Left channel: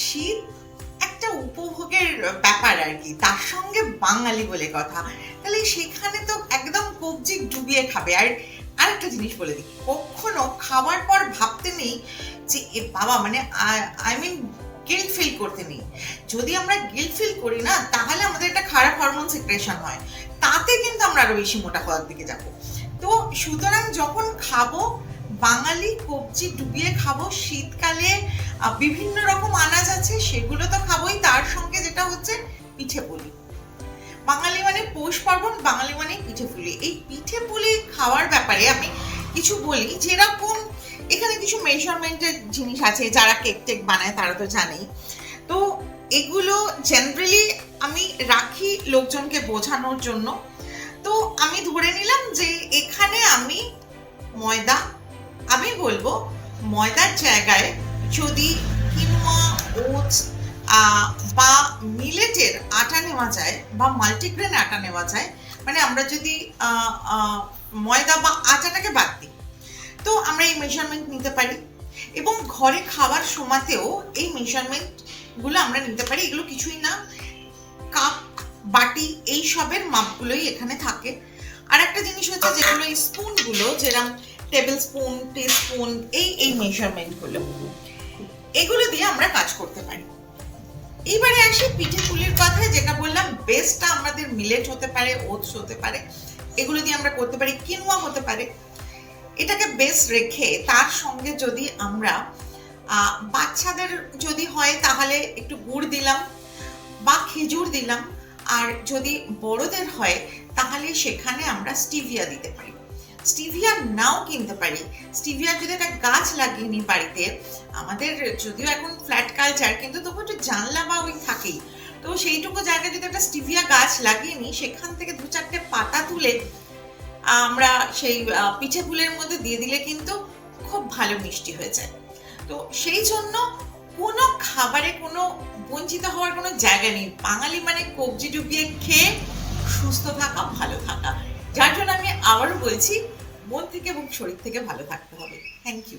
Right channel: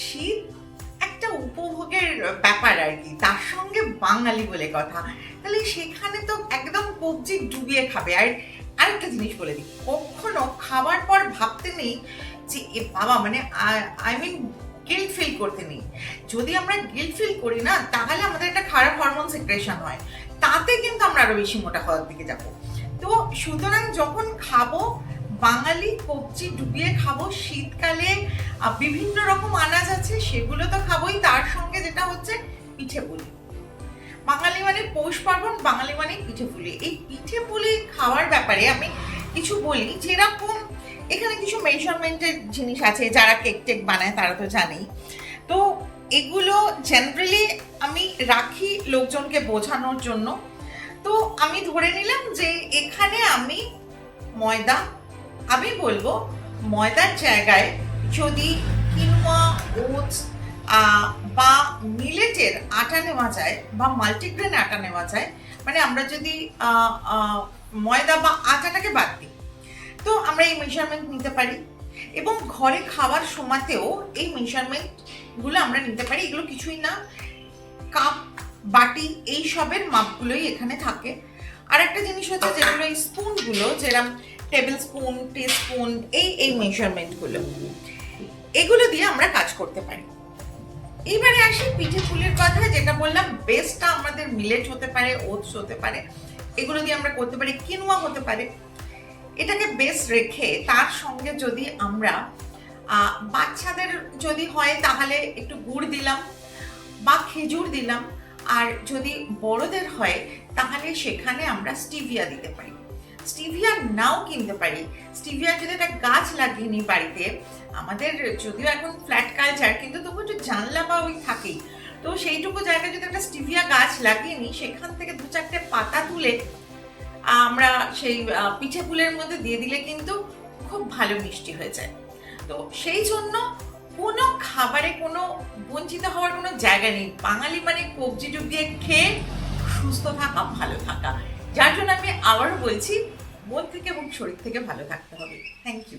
শীত একটা উপভোগের ব্যাপার আর কি, তার সঙ্গে বাঙালি বলে কথা, তাহলে সেখানে তো একদম কবজি ডুবিয়ে খাবে। আর আরেকটা জিনিস বলে দিই, কখনো খাবার পর ভাবতে নেই যে এ বাবা, মানে আই মিন গিল্ট ফিল করতে নেই। যদি আমরা গিল্ট ফিল করি না, তাহলে আমাদের একটা খারাপ হরমোন সিক্রেশন হয়, তাতে কিন্তু আমরা আরো বেশি মোটা হওয়ার দিকে যাবো। তো সুতরাং যখন খাবো, বাঙালি কবজি ডুবিয়ে খাবো। শীতকালে বিভিন্ন রকম আনাজ আছে, সেগুলো তো খাবোই, তার সঙ্গে যেটা হচ্ছে পিঠে পুলি। বাঙালি মানে পৌষ পার্বণ, বাঙালি মানে পিঠে পুলি। এই পিঠে পুলি খাওয়ার ব্যাপারে আমি কিছু বলি। যেরকম এখানে কিছু মেজারমেন্টের জিনিস আছে, যারা কেক টেক বানায় তারা তো জানেই। তো এগুলো জেনারেলি আমি রাখি লোকজনকে বোঝানোর জন্য। তো আমি ধরে নিলাম যে এখানে আমি ময়দা, আমি বলবো ময়দার জায়গায় যদি কিনোয়া, ওটস বা মিলেটের আটা নেওয়া যায় বা মাল্টিগ্রেন আটা নেওয়া যায়, মানে আমরা যদি ময়দা বা আটাটাকে বাদ দিই, তো আমরা এই মেজারমেন্ট নিতে পারি। এবং ঘরে খাওয়ার সময়তেও এই মেজারমেন্টগুলো আমরা নিতে পারি। এগুলো কিছুই না, কাপ, বাটি, এই সবের মাপগুলোই এখানে থাকে। আর একটা জিনিস হচ্ছে, যেগুলো এই স্পুনগুলো, যেরকম টেবিল স্পুন, টি স্পুন, এই মেজারমেন্টগুলো, এগুলো দিয়ে আমরা কাজ করতে পারি। এইবারে আসি পিঠে পুলির কথায়, যেটা বললাম বেসটা আমাদের মিলেট হতে পারে, ওটস হতে পারে, এগুলো দিয়ে আমরা করতে পারি, কিনোয়া হতে পারে। এটাকে বেস রেখে তার সঙ্গে যদি আমরা বাচ্চাদের যদি হয় তাহলে একটু গুড় দিলাম বা খেজুর দিলাম, আর যদি বড়দের হয় তাহলে সেখানে আমরা স্টিভিয়া দিতে পারি। স্টিভিয়া নাও কিনতে পারি। স্টিভিয়া যদি একটা গাছ লাগিয়ে নিই বাড়িতে, আমাদের যদিও এখন ফ্ল্যাট কালচার, কিন্তু তবু একটু জানলা বা ওই থাকেই, তো সেইটুকু জায়গায় যদি একটা স্টিভিয়া গাছ লাগিয়ে নিই, সেখান থেকে 2-4টে পাতা তুলে আমরা সেই পিঠে পুলের মধ্যে দিয়ে দিলে কিন্তু খুব ভালো মিষ্টি হয়ে যায়। তো সেই জন্য কোনো খাবারে কোনো বঞ্চিত হওয়ার কোনো জায়গা নেই। বাঙালি মানে কবজি ডুবিয়ে খেয়ে সুস্থ থাকা, ভালো থাকা। যার জন্য আমি আবারও বলছি, মন থেকে এবং শরীর থেকে ভালো থাকতে হবে। Thank you.